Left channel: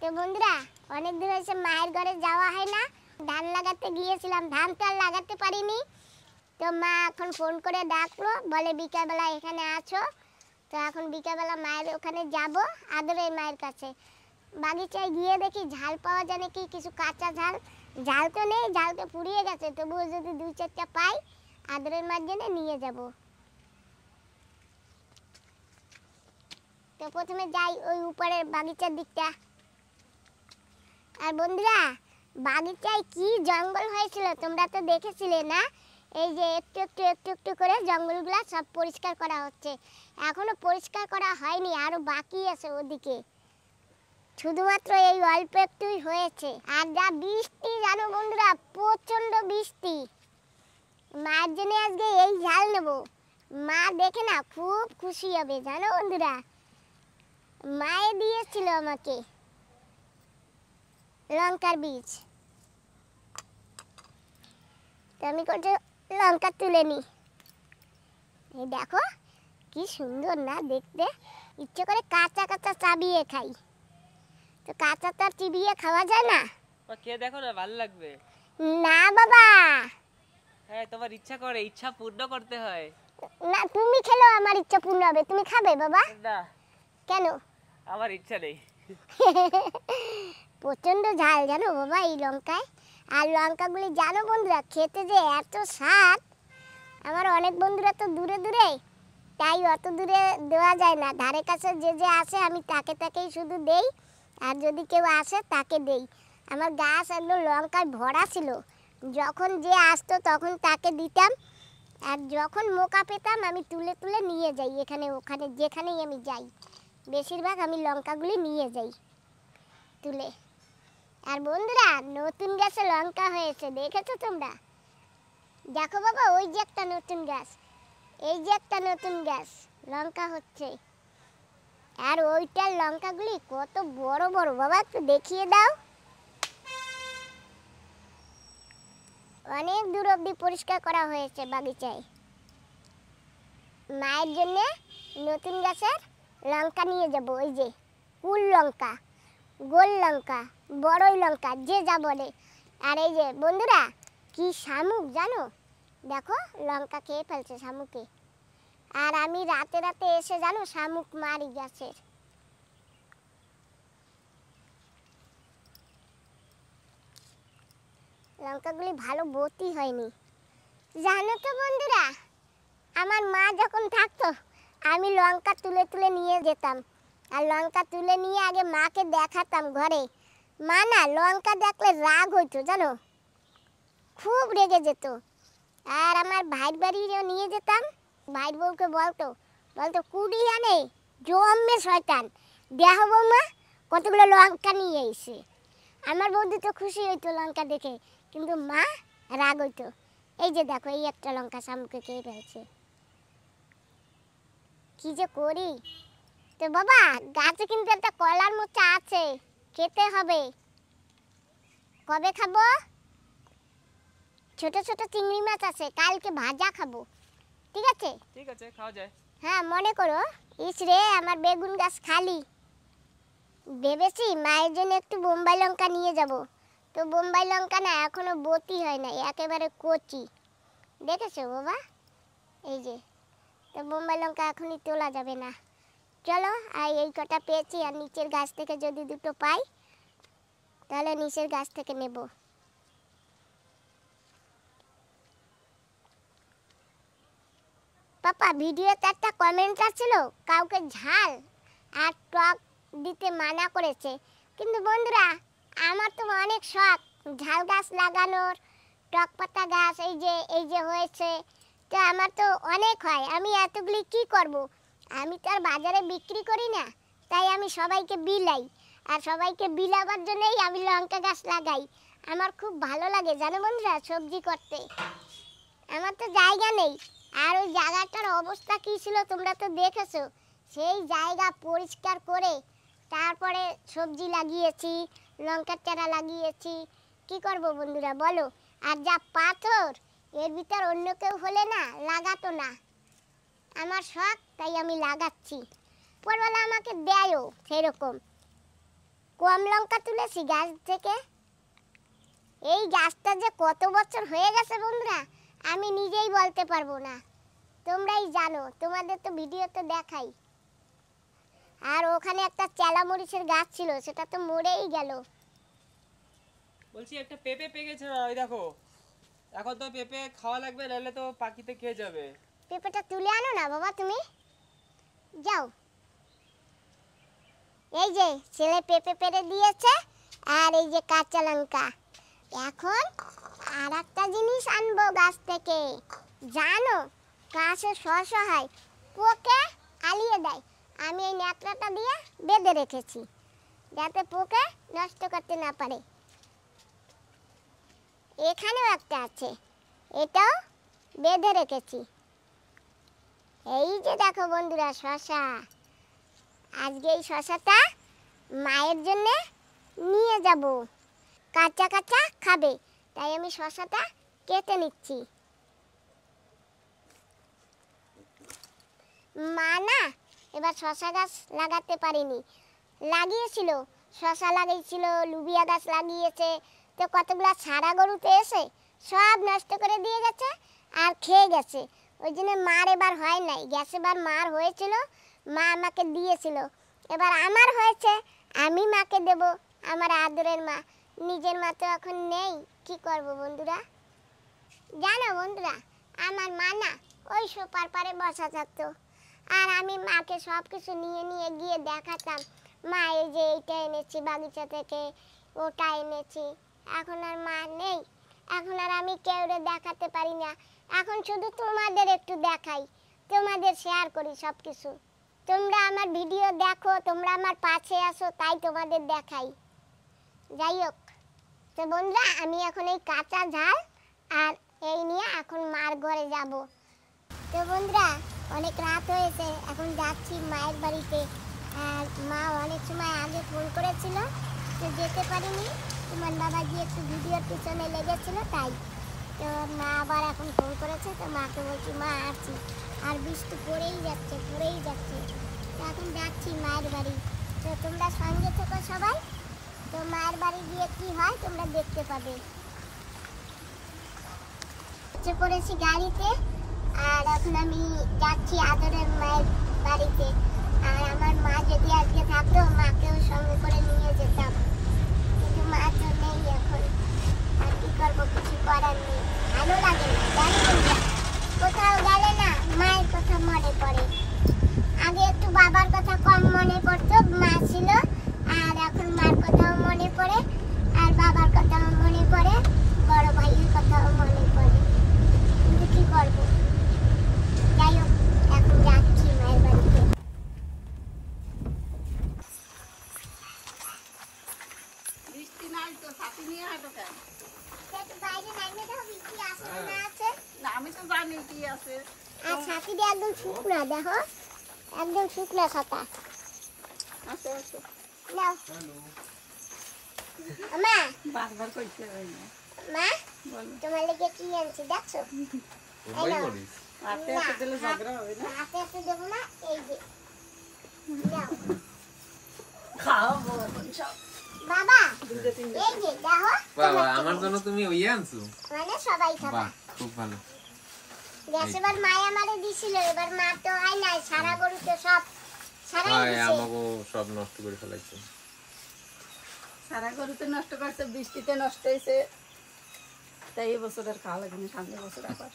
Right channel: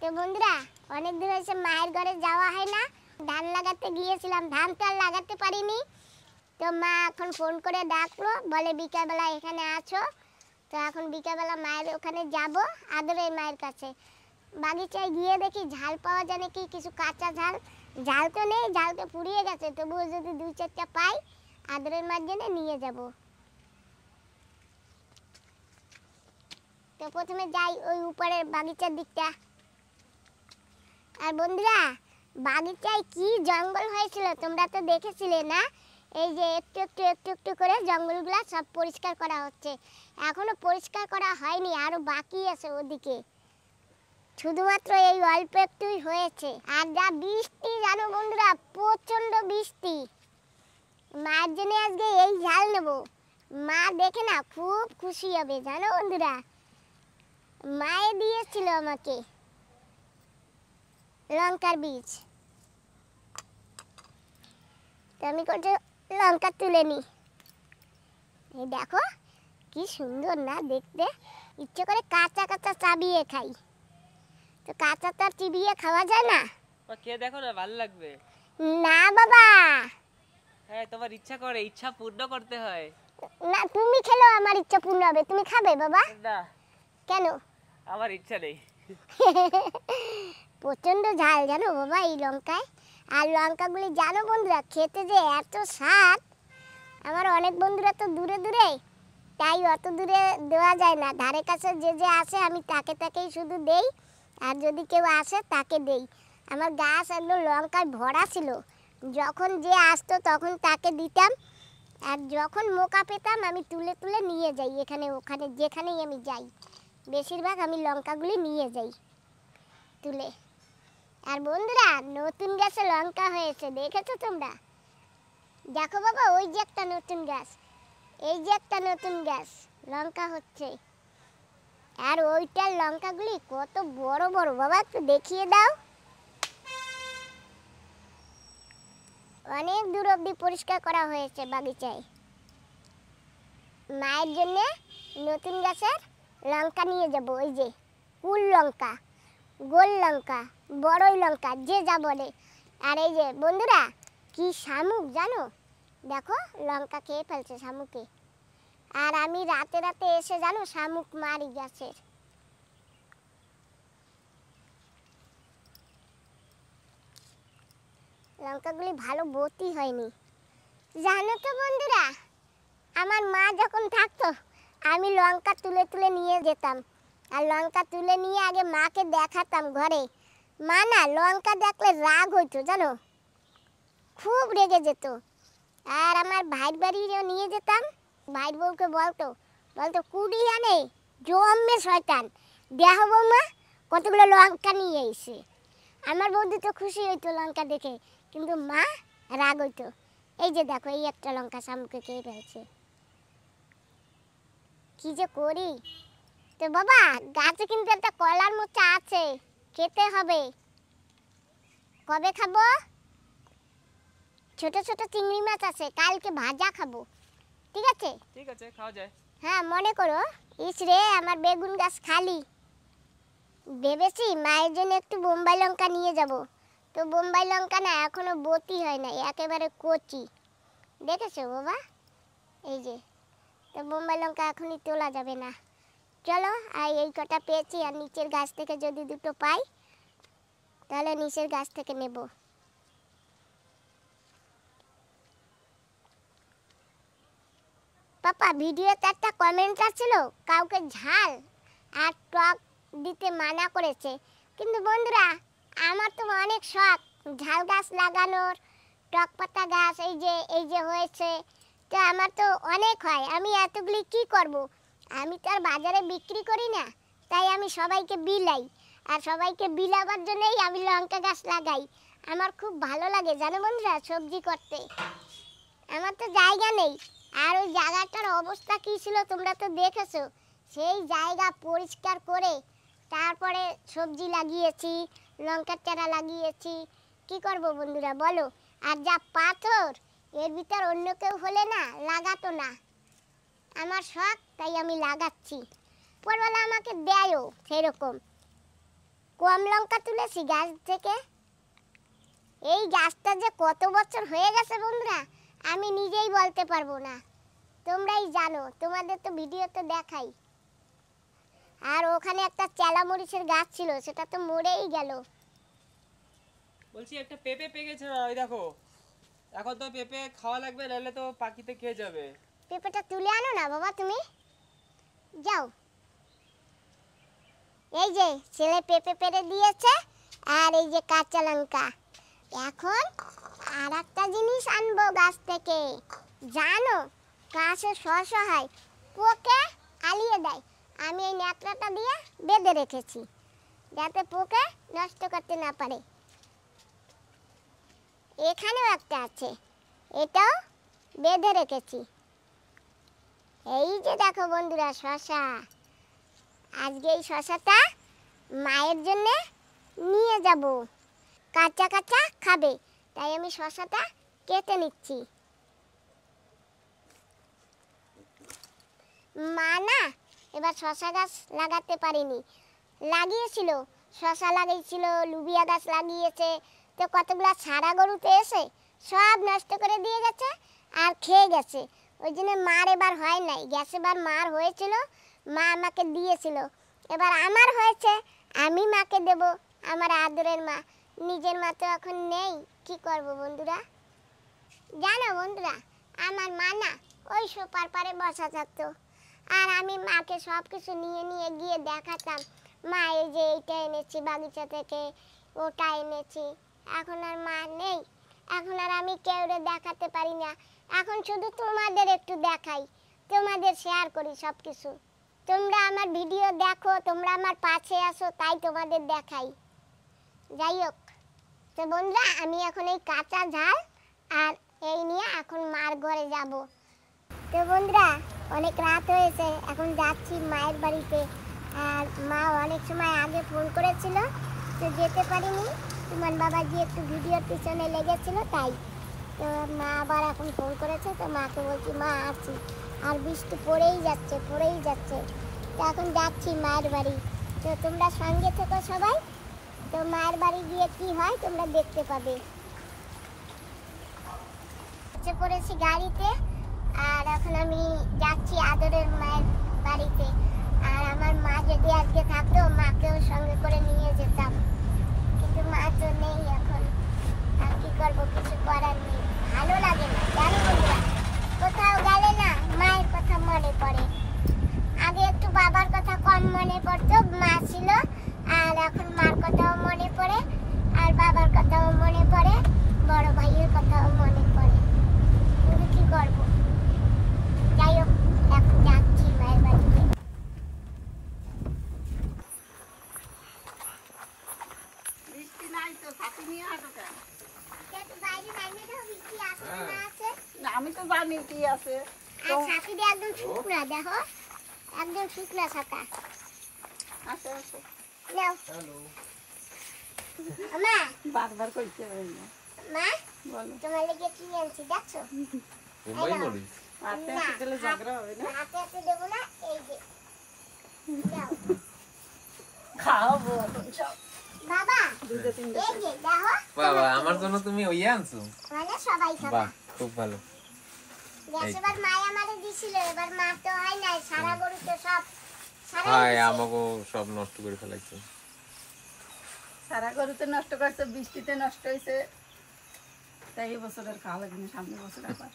তো বন্ধুরা অনেক দিন হয়েছে মায়ের ঘরে যাওয়া হয় না। ধান লাগাতে গিয়েছিলাম, ধান তো আর লাগাতে পারিনি। তো মা এখন ফোন করে ডাকলো, বলে বিকালবেলা এখানে আছো। তো এখন বিকালবেলা মায়ের ওখানে যাব, আদরের মায়ের কাছে। বাগিচায় গিয়ে দেখি ঝাল পাওয়া যায় নাকি, কিছু কাঁচা ঝাল। ঝাল তো নেই, ঝাল তো ফুরিয়ে গেছে, তবুও যদি 2-4টা পাই আদরের মার জন্য নিয়ে যাব। তো প্রথমে যাই ওই উপরের বাগিচার দিকটা। আর বন্ধুরা বাগিচায় কি জঙ্গল হয়েছিল তোমরা তো দেখেছিলে না? এই যে একটু একটু একটু একটু করে জঙ্গলগুলো সব পরিষ্কার করা হচ্ছে। এখনো পরিষ্কার করা হয়নি, আরো বাকি আছে ওদিকে। শুধুমাত্র এই অল্প একটুই হয়েছে। আর যা বৃষ্টি জানো বন্ধুরা, প্রচন্ড বৃষ্টি। মায়ের জন্য আজকে এই ঝাল নেব। মা দেখে না খুব খুশি হবে জানো বন্ধুরা। মায়ে দিয়েছিল আমাকে লঙ্কার বীজ। তো আমি কটা লঙ্কা তুলে নিই। এই দেখো কি সুন্দর না দেখতে, ইচ্ছে করে কাঁচা কাঁচা চাবিয়ে খাই। তো কাঁচা তো আর চিবিয়ে খাওয়া যায় না। কে দেখো না, ভালো লাগবে না বাবা। হ্যাঁ, তোমার ইচ্ছা করে, ইচ্ছা পূর্ণ করতে হয়। না তুমি খেলো, আমার ইচ্ছা পূর্ণ হবে। তুমি খাবে বাবা? না, কেন? আমার ইচ্ছা নেই। প্রচন্ড ঝাল জানো বাবা এই লঙ্কায়। আর লঙ্কাগুলি জানো বন্ধুরা খেতে যে এত স্বাদ। আমার অনেক বন্ধুরা তো দূরে দূরে, তাই অত দূরে দেওয়া যায় না। ধারে কাছে যে যে আসে আমি তাকে তাকেই শুধু দেই, আর যদি কেউ আসে তাকে দেই। আমার গাছ একদম লঙ্কায় ভরা ছিল। যখন যে আসতো তখন তাকে দিতাম, আর যখন মোকা পেতাম আমি তুলে তুলে নিয়ে যাই এখানে ওখানে, যেখানেই আমি যাই বেশিরভাগ আমি লঙ্কাগুলি নিয়ে যাই তুলে। আর বন্ধুরা নতুন গাছে লঙ্কা হয়েছে, দেখেছো তোমরা? দেখো বাবা ওই যে একটা নতুন গাছ, এই যে একটা নতুন গাছ লঙ্কা হচ্ছে। আর ওইটার লঙ্কাগুলি কত বড় বড় বাবা, একটু দেখিয়ে দাও। অনেক দূর অবধি পরিষ্কার করা হয়েছে বাগিচায়। মায়ের জন্য নতুন গাছের লঙ্কা নিয়ে যাব। ওই যে কুল লঙ্কা, গোল লঙ্কা, বড়ই লঙ্কা, যে যা বলে। আর এই যে বন্ধুরা কি শামুক জানো, দেখো লঙ্কা খেয়ে ফেলছে শামুকে। আর আমি রাতে রাতে এসে জানো শামুক মারি গাছের। লঙ্কাগুলি ভালো বতি হয়নি জানো তো বন্ধুরা। আমার মা যখন থাকতো আমি লঙ্কা তুলে তুলে নিয়ে যেতাম, আর লঙ্কা তুলে নিয়ে আগে মাকে দেখাতাম ঘরে। মা না লঙ্কা দেখলে রাগ হইতো জানো, খুব রেগে যেত। আর আমার ভাইয়ের বাড়িও নিয়ে যেতাম, ভাইয়ের বউকে বলতো বলতো কুড়ি আনে জম্মে শয়তান, দেখো বৌমা কতগুলো লঙ্কা নিয়ে এসে। আমার বৌদি তো খুশি হইতো লঙ্কা দেখে, কিন্তু মা রাগ হইতো। এই যে দেখো এই একটা লঙ্কা শামুকে খেয়ে ফেলছে, কি যে করি। তো বাবা গাছে কিন্তু একটা কলার মোচা আছে, খেতে হবে। কবে খাবো? ছোট ছোট চিংড়ি মাছ আছে, কালকে ভাজা খাবো। ঠিক আছে? ঠিক আছে, খাওয়া যায়। হ্যাঁ মনে করো। ইস রে আমার বেগুন গাছ খালি। ভেবেছি মায়ের জন্য একটু বোম্বাই লঙ্কা নিয়ে যাব। তো বোম্বাই লঙ্কা না এখনো বতি হয় নাই, একেবারে কচি। দেখেছো বাবা এই যে। তো বোম্বাই লঙ্কা এখনই তোলা যাবে না। চলো আর এই কটা পেয়েছি, আর নিচের গাছ থেকে যদি দুটো পাই তাহলে নিচের গাছ থেকে নেব। পাপা ভিডিওতে একটা কমেন্ট আসছিল কাউকে ঝাল আর টক দিতে মানা করেছে, কিন্তু বন্ধুরা আমার তো অনেক শখ ঝাল গাছ লাগানোর, টক পাতা গাছ এই যে হয়েছে। তো আমার তো অনেক হয়, আমি এতগুলি কি করব? আমি তো আর বাজারে বিক্রি করি না, তাই আমি সবাইকে বিলাই। আর সবাইকে বিলাবার জন্যই আমি লঙ্কা গাছ লাগাই। আমার খুব ভালো লাগে জানো বন্ধুরা সবজি করতে। আমার তো জায়গা নেই, আর ওই জায়গাটার অবস্থা কী ছিল তোমরা তো দেখেছো। সেই জায়গা পরিষ্কার করে তারপরে সবজি লাগিয়েছি, লঙ্কার চারা লাগিয়েছি। কি করব বন্ধুরা বলো? আর যা পাথর, এর ভিতর অন্য কেউ হলে না লাগাতো না। আমার শখ তাই আমি লাগাচ্ছি, পরবেলা আমাকে দেয়ও সেরকম। কম লঙ্কা তুলেছি গাছ থেকে। এই গাছটা যে কত বছর হয়ে গেছে বন্ধুরা, আমি নিজেই বলতে পারবো না, তোমরাই জানো, তোমাদের তো ভিডিওতে দেখাই। আর ওখানে একটা চেলা মরিচের গাছ ছিল, সেটা তো মরেই গেল। বলছি একটা পেঁপে পেকেছে না, ওই দেখো। এখন তো পেঁপে খাওয়া লাগবে, নাহলে তো পাখিতে খেয়ে যাবে। পেঁপেটা তুলে আনো না বাবা, তুমি যাও। এই যে ছেলে পেঁপে পেরে দিয়েছে, আর এই যে কাঁচা লঙ্কা। এখন আর একটা জিনিস আনবো গাছ থেকে, জানো, গাছে শস্য হয়, পোকে আলিয়ে দেয়। আমি এই ন্যাকড়াটা দিয়ে বেঁধে রেখেছি, যাতে পোকে নষ্ট করতে না পারে। এখানেও একটা আছে, এটাও বেঁধে রেখেছি। এই যে দেখো বন্ধুরা শসা, আজকে এই শসাটা মায়ের জন্য নিয়ে যাব, কাঁচা কাঁচা খাবে, তাই আমি শসাটা কেটে নিচ্ছি। মা না এবার শসা গাছ লাগাতে পারিনি, লাগিয়েছিল, শসা লাগিয়েছিল, লুবিয়া গাছ লাগিয়েছে, তো কতগুলা ছাড়া গরুতে এসে সব নষ্ট করে দিয়ে গেছে আর খেয়ে গেছে। ওই জন্য মার এবার হয় নাই, গ্যাস এবার মার হয়েছিল, মা আমাকে দিয়েছিল, এবার আমার হয়েছে, আমি মাকে দেব, আমার আদরের মা। নিজের মা তো এখন নেই, কি করব বন্ধুরা। জানো বন্ধুরা, আমার মা না ওই সোপার পারে বসা থাকতো, আর আমি মাকে সব কিছু নিয়ে নিয়ে গিয়ে দেখাতাম, মা এই যে এইটা এনেছি বাগিচা থেকে, ওটা এনেছি। এখন আর মা নেই, এখন আর আমি কেউরে দেখাতে পারি না, এখন শুধু তোমাদের একটু দেখাই, তোমাদের শেয়ার করি সব কিছু। তোমরা আমার ভিডিও দেখো, তোমরা আমার পাশে আসো, তাই তোমাদের দেখাই। যাই হোক, তো বন্ধুরা আমি এখন এই কাঁচা ঝাল আর এই নিয়ে এখন মার ঘরে যাব। তো বন্ধুরা অনেক রাত হয়েছে, এখন যাচ্ছি মায়ের বাড়িতে। আর মা অনেক সময় আগে ফোন করেছিল, তো যেতে পারিনি, তোমার বাবা যে একটু ভিডিওর পিছনে লেগেছিল তাই। তো মা আবার এখন ফোন করেছে, তো মাকে বলছি মা আসছি, আর বৃষ্টি পড়েই যাচ্ছে পড়েই যাচ্ছে। তো এখন যাচ্ছি মায়ের বাড়ি, তো তোমরা সঙ্গে থেকো সবাই। তো মায়ের বাড়ি গিয়ে কি হয় তোমরা দেখতে পাবে। পড়েছি গাড়িতে, আর এখন আমি যাচ্ছি আদরের মায়ের বাড়িতে। আর আমার মা যদি আজকে থাকতো, মাকেও সঙ্গে করে নিয়ে যেতাম, কিন্তু মা তো নেই এখন, আর কি করবো, কিছু করার নেই। ভালো লাগে না, জানো না, কোথাও গেলে না মায়ের কথা মনে পড়ে। আগে একটু বাবার কথা কম মনে পড়তো, মা ছিল, আর এখন মার কথাও মনে পড়ে, আর বাবার কথাও মনে পড়ে, বড় ভাইয়ের কথাও মনে পড়ে। তুমি কি করবো, যাই হোক এখন যাচ্ছি মায়ের বাড়িতে। বৃষ্টি নাই তো, ছাতি নিয়ে হাঁটো কেন? বাইরে নাইমে দাও, বৃষ্টি আছে না আছে? না, আমি তো জানি কি আছে। আর ছাতিটা একদম শুকনা, দেখো একদম শুকনা ছাতা। আছে আছে। নাও মা, বারবার কইতে হয় না। মা বলো। তোমার লেগে কি আনছি দেখছো? হাতে হাতে দিলে ঝগড়া হবে না। হাতে হাতে দেবো না, এই যে নাও খাওয়াবো এখন সব। বাবা, দুটো তিনটে। এই যে দেখো, বাবা আমার জন্য তুমি ওই আনছো? মানে সবাই খাবে। বাহ খুব ভালো। গ্যাস এবার মায়া আমারে দিছিল, এবার মা তো হয় নাই, সারা গরুতে সব সারাই হ্যাঁ দিছে। আমাকে সব নষ্ট করে ফেলেছে। সারা গরুতে নষ্ট করছে, বৃষ্টিতে নষ্ট হয়েছে, তাই এবছর আর খাওয়া লাগেনি, সামনের বছর আবার।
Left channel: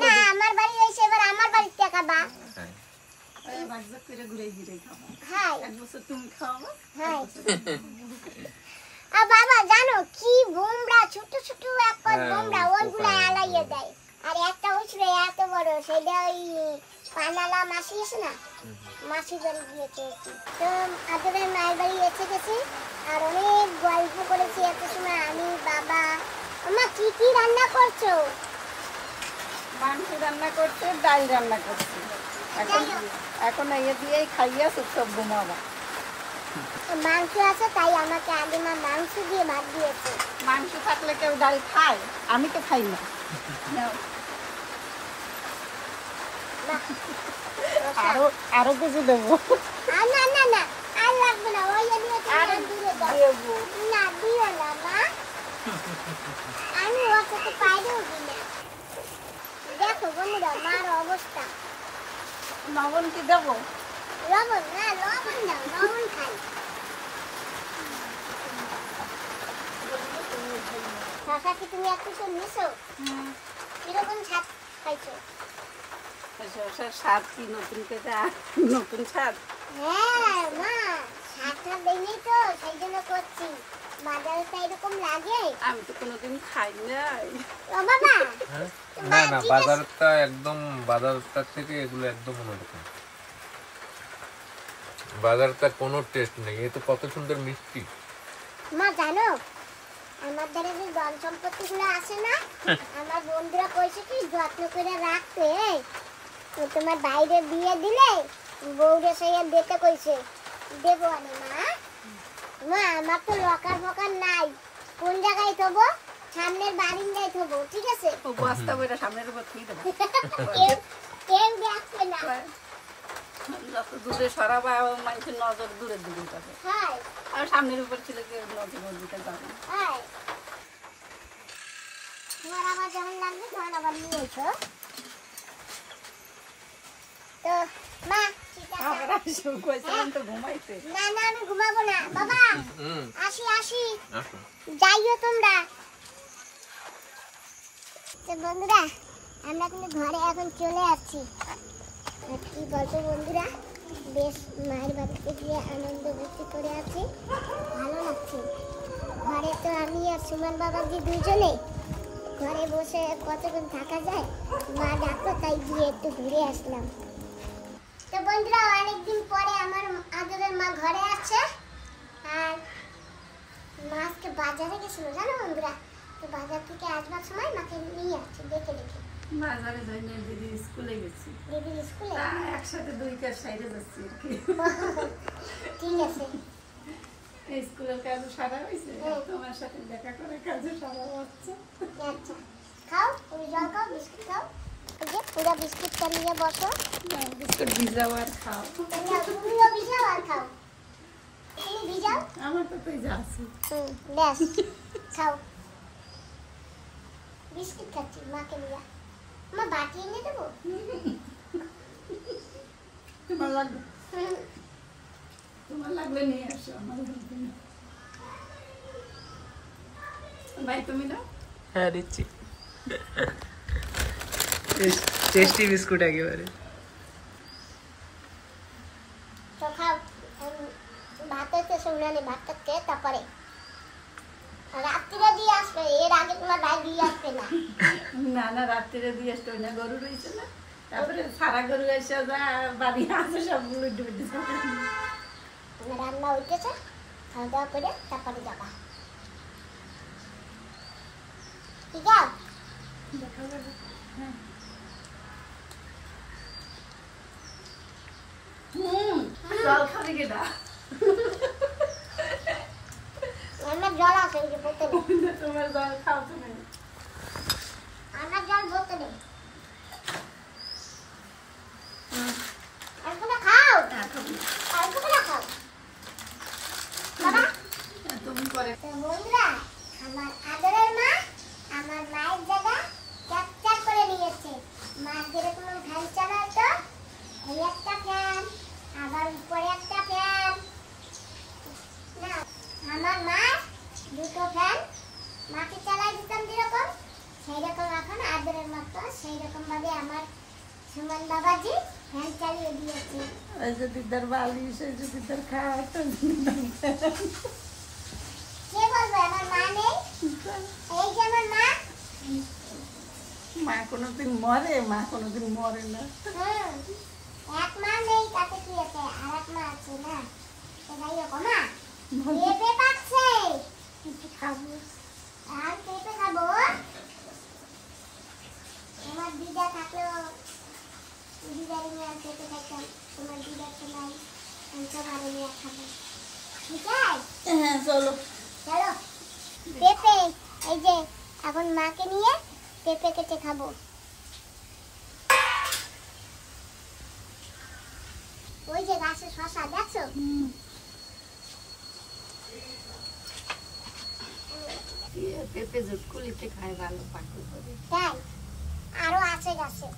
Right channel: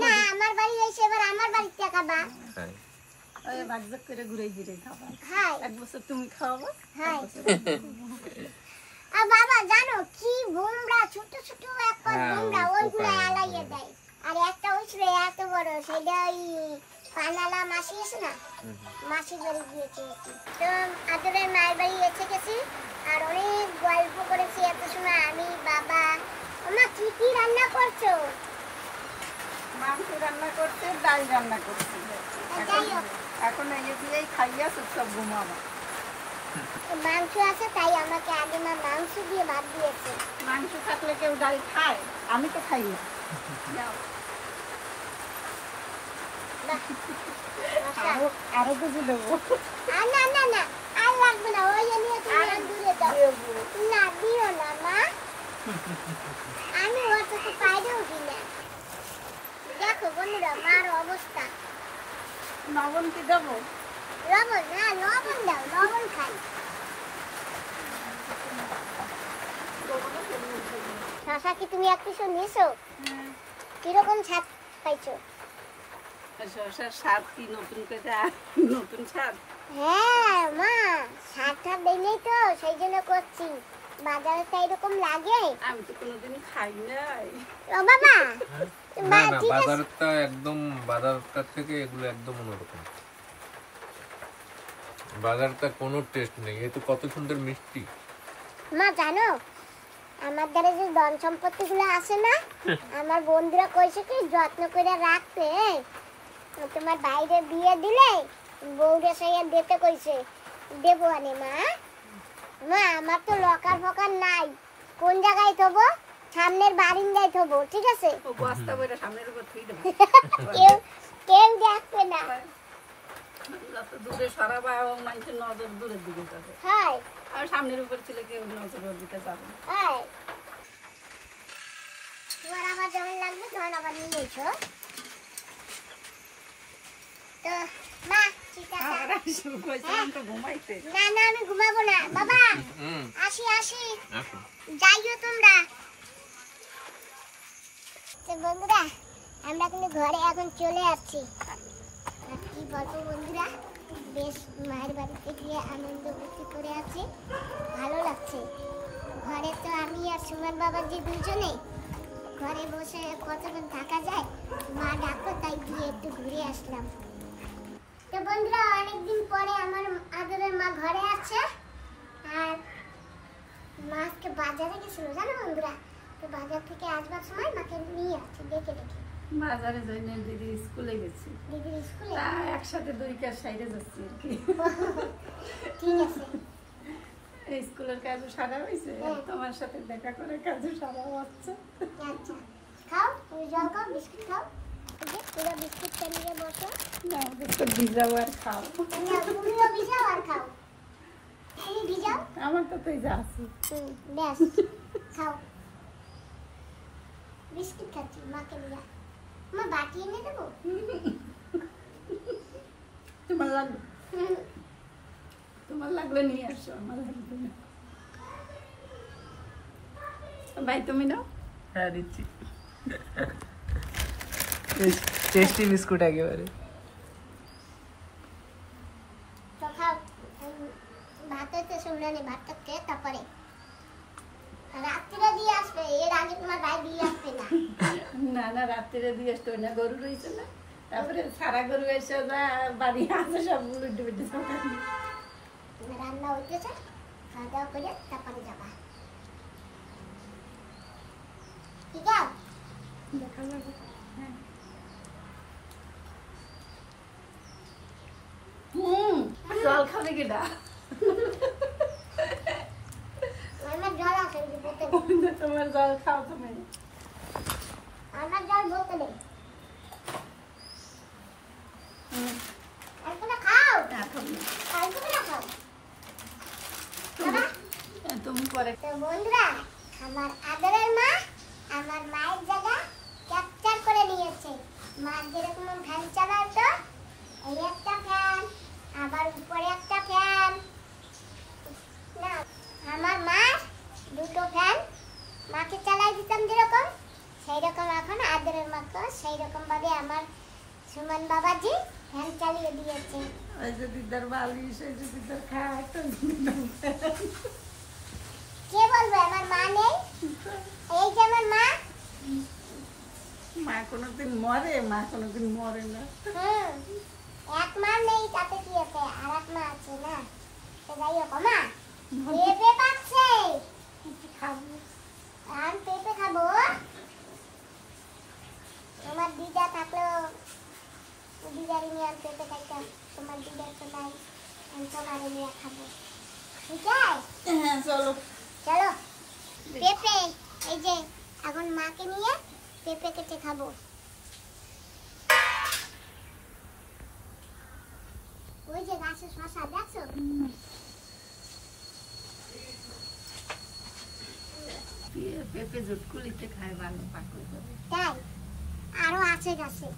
না আমার বাড়ি হইছে, এবার আমার বাড়িতে খাবা। তাই। ওই ভাগজাগ করে ঘুরে ঘুরে খাওয়া। হাই এক বছর তুমি খাওয়াবো, হাই। আর বাবা জানো কি বোমরা, ছোট ছোট একটা হ্যাঁ, বোমরা, ওই ওইগুলো পোকা আলাইয়ে দেয়। আর একটা হইছিল এত বড়, সেটা ওই পানালা মাসি আছে না, মাসি বাড়ি গিয়েছে। তো আদরের মায়ের বাড়ি এসে গেছি, আর অনেক গল্প করেছি এত সময় আমি বাবা। মা কি কি রান্না করছো? মাংস রান্না করছে, ডাল রান্না করছে। এখন এখন ইয়ে দিয়েই খাইয়া সব ঘুমাবো। মাংস আছে, তাই আমাকে আগে মা মাংস দিয়ে ভাত দিয়েছে। মাংস থাকলে কেউ ডাল খায়, আমি তো খাই না। বাহ, আরো আরো কিছু দেবো। আর না না না, আর আর লাগবে না, ওই নিয়ে তুমি আর দূরে দাও। দেবো। না দিও না মা, আমি অত তো পাইরেও দিই না। দেখো বন্ধুরা মার অবস্থা। লবণ কি দেবো? লবণ না, লবণ দাও, লবণ খাই। শশা কি তুমি এক কিছু নিয়েছো? কিরকম স্বাদ পাইছো? শসার স্বাদ কি নতুন করে নতুন স্বাদ? হ্যাঁ মা, স্বাদটা দিলেই তো সেই জন্য করছি। বাজারে তো এরকম লাগে। আমি তো কোনোদিন খাই নাই। ও বাবা, না না, ঠিক আছে। বাজারটার থেকে এগুলো একদম অন্যরকম। বাজারটা কোনো টেস্ট নেই, এ তো কত সুন্দর মিষ্টি। মা জানো, আমার দ্বারা যে ধন সম্পত্তি গুলো আসে না, আমার বন্ধুরা কইছে কি যত্ন করে রাখতে। তো তোমার বাইরে বিয়ে দিলে বউরে সইয়ে দিতে কইছে, দেবো আনে মা। মা আমার তো লকার ফকার নাই, কোন জায়গায় থবো? সামনের বারিন্দায় থবো, ঠিক আছে? ও বস্তা বইটা সামনের উপর থুই দেবো। কেউ কেউ দেখবে না। যত দূরে সরাবা মানুষের নজর দূরের দিকে যাবে, হয় আর সামনের উপর ছিল কেউ নজর ওর দিকে যাবে না। হয়, তোমার আবার যেমন লাগবে তখন আবার নিয়ে এসো। তো মা ঠিক আছে। আমরা শুরু করেছিলাম তো ঘুমাইতে। না না, আমি ঘুমাবো না বাবা। হুম, আসি আসি, আসো। যাইও তোমরা। তো বন্ধুরা, আমরা কিন্তু ঘরে এখন চলে আসছি। আর কি বলবো বন্ধুরা, বেশ মায়ের বাড়িতে গিয়ে আনন্দ ভর্তি করে আছি, ভালো লাগছে। ঘরে তো আমি আর সুমন বাবাজি দুজনে, ঘরে বসে কতক্ষণ থাকা যায়। মা ডাকতো তাই গিয়ে একটু ঘুরে আসলাম। তো বন্ধুরা, অনেকদিন পরে আমার আদরের মা ঘরে আছে। আর মা আজকে বাজারে গেছিল জানো বন্ধুরা। তো বাজার থেকে আসবার সময় মাকে নিয়ে আসছে দেখে দেখে। বাজারে যাই না, দিদি স্কুলে গেছি। দিদির স্কুলে? তা একসাথে দুই কাজ সাইডে যাচ্ছি আর কি। ঠিক আছে। এই স্কুলের কাজও সারা হয়েছে, হ্যাঁ। তোমার সাথে দেখা করে কাজও সারা হচ্ছে। আচ্ছা খাও, তুমি জল খাও, বিস্কুট খাও। ঠিক আছে, পুরো বিস্কুটটা নিয়ে বসো। না, বিস্কুট ভিজাও আর খাও। তুমিও ভিজাও আর খাও। তুমি ভিজাও। আমার তো তাই যা আছে। ব্যাস খাও। বিস্কুট খাচ্ছি মাকে নিয়ে। মা বাটি এনে দেবো? তোমার লাগবে, তোমার লাগলে নিয়ে আসো, আমার লাগবে না। ভাই তুমি নাও। হ্যাঁ দিচ্ছি। টেস্টি বিস্কুট একেবারে। তো খাও। ভাতে তো শুনলানি, ভাতটা খেয়ে তারপরে রাত্রিরে দিয়ে আসবে, এর আগে তোমার ভাই দিয়ে আসবে না। না না, রাত্রিরে দিয়ে আসতে হবে না, গরু রয়েছে না। তারপরে সারা গরু এসে যায় বাড়ি আছে সব উল্টে উল্টে রান্না উঠেছে, খাওয়া দাওয়া করে তারপরে যাবা। ঠিক আছে? দেখা যাবে। হ্যাঁ। জল খাবে কেটা? আমার জল আছে, ওই যে বোতলে। তোমার জল খাও তুমি। আমার জল বোতলে। অল্পটা খাও, অল্পটা খাও বাবা। তুমি করে তো বন্ধুরা, আমার আদরের মা আমার মায়ের জায়গা ক্যাপচার করে নিয়েছে। মা যেরকম ফ্যান চালাতো, এই একটা ফ্যান, আবার উপরে একটা ফ্যান। না, আমার মা দুটো ফ্যান মাকে চালাই দিতাম যেরকম, সেই রকম এখন আদরের মাকে সেই রকম ভাবে আমার সুমন বাবাজি ফ্যান চালিয়ে দিয়েছে। ওই যে দিদার বালিশ, ওই যে দিদার খাট। কে বলবো আমার মা নেই? এই যে আমার মা। মা কোনোদিন মরে, মা কোনোদিন মরে না। এক মা নেই তাতে কি আছে, আর এক মা আছে না। তো যাই হোক মা, পেঁপে পাচ্ছে, খাবো। আর পেঁপে খাবো। তোমার দিদা থাকলেও দিদারে নিয়ে আর পেঁপে খাইতাম, তোমার দিদা তো নাই, আমি সবারে নিয়ে খাবো। ঠিক আছে? হ্যাঁ চলো। চলো পেঁপে, এই যে এখন মাকে নিয়ে পেঁপে কেটে খাবো। ওই যে গাছে শশা দেখছো, পেঁপে ঝুটকুলিতে খায় ভালো পাকল করে। তাই আরো আছে গাছে।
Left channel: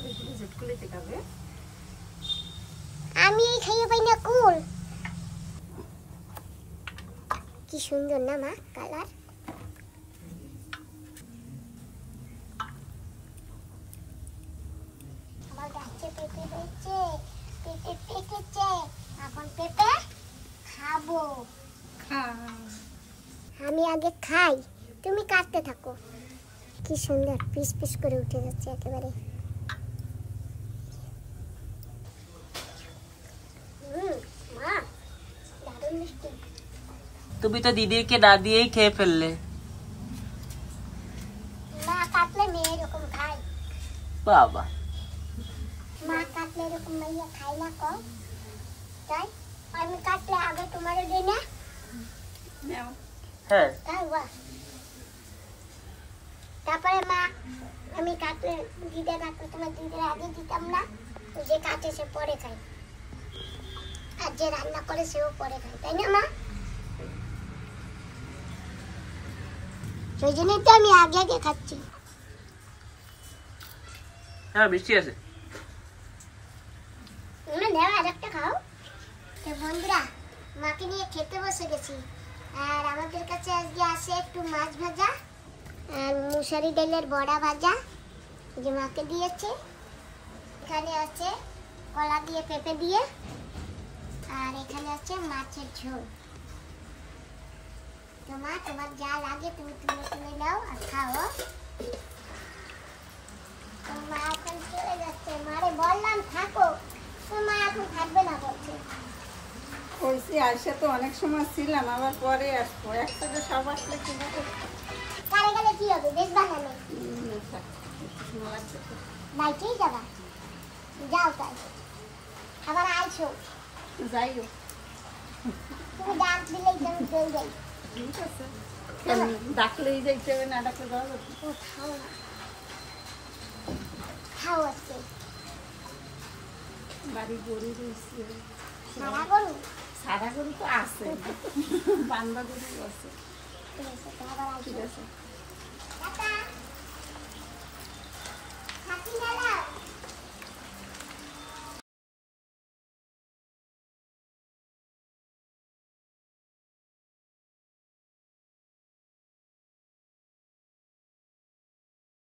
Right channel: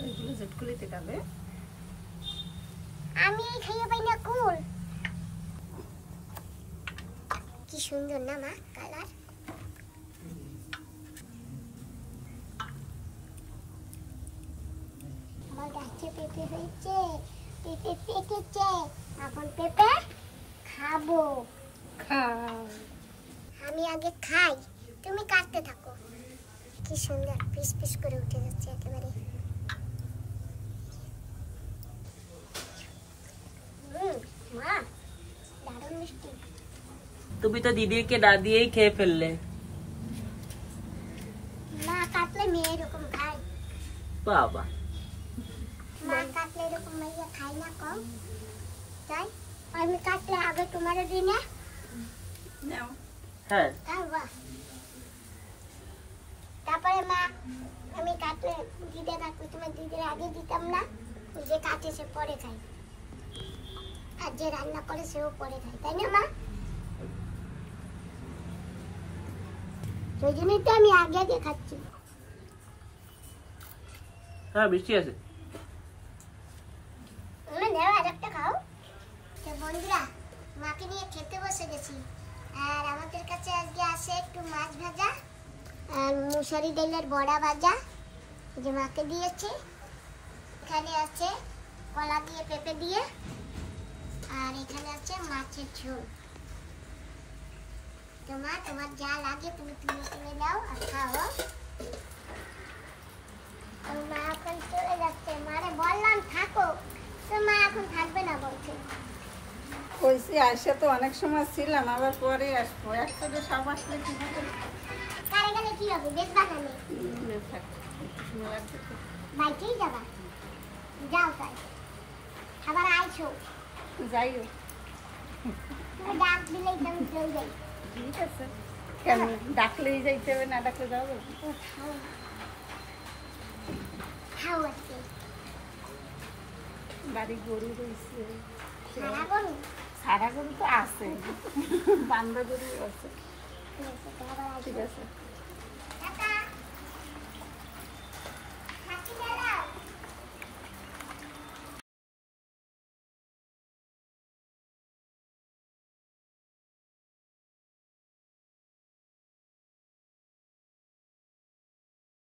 ওইগুলো ঝুটকুলিতে খাবে। আমি খাইয়ে পাই না কুল। কি সুন্দর না মা কালার। আমার গাছে পেঁপে হয়েছে, পেঁপে পেকেছে, এখন পেঁপে খাবো। আমি আগে খাই, তুমি কাটতে থাকো। কি সুন্দর পিস পিস করে উঠে যাচ্ছে একেবারে। মা দারুণ মিষ্টি। তুমি তো দিদিকে না দিয়েই খেয়ে ফেললে। মা কাটলে মেয়ে এরকম খায়। বাবা, মা কাটলে এরকম মাইয়া খাই না কম। তাই আমি কাটলে আগে তোমারে দিই না। নাও। হ্যাঁ তাই বাহ। তারপরে মা আমি কাটলে দিদা কাটলে তোমার দিদির আগে দিতাম না। যে কাটে সে পরে খায়, আর যে রান্না করে সেও পরে খায়, তাই না মা? সেই জন্যই তো আমি আগে আগে খাচ্ছি। হ্যাঁ মিষ্টি আছে। নেওয়া আরেকটা খাও। তো বন্ধুরা, মাকে নিয়ে খেতে বসে গেছি। আর আমাদের কাছে আজকে আছে একটু মাছ ভাজা আর মুসারি ডালের বড়া ভাজা, যে মাকে দিয়েছে। এখানে আছে কলা দিয়ে পেঁপে দিয়ে, আর এখানে আছে মাছের ঝোল। তো মা তোমার যা লাগে তুমি তুলে তুলে নাও আর খাও। তো মা এখন চলে যাচ্ছে। মারে বললাম থাকো, তো মা এখন থাকবে না বলছে। কইছি আইসা তো অনেক সময় ছিলাম, আবার পরে আসবো। একসাথে সব আসলে কি হবে? কারে গেলে কি হবে? বেশ বানানো থাক, একটু সময় লাগবে তো। বাইকেই যাবা, যাও তাই। আবার আইছো, যাইও। তুমি ডাক দিলেই তো আমি চলে যাই। ঠিক আছে, কেন ডাকলেই যাইতে হবে, না ডাকলে যাওয়া যাবে? খাও আজকে। বাড়ি গরু রয়েছে, সারা করুন। সারা গরু তো আছে, বান্ধা গরু আছে। ঠিক আছে, তো আবার ঠিক আইসো। আছে।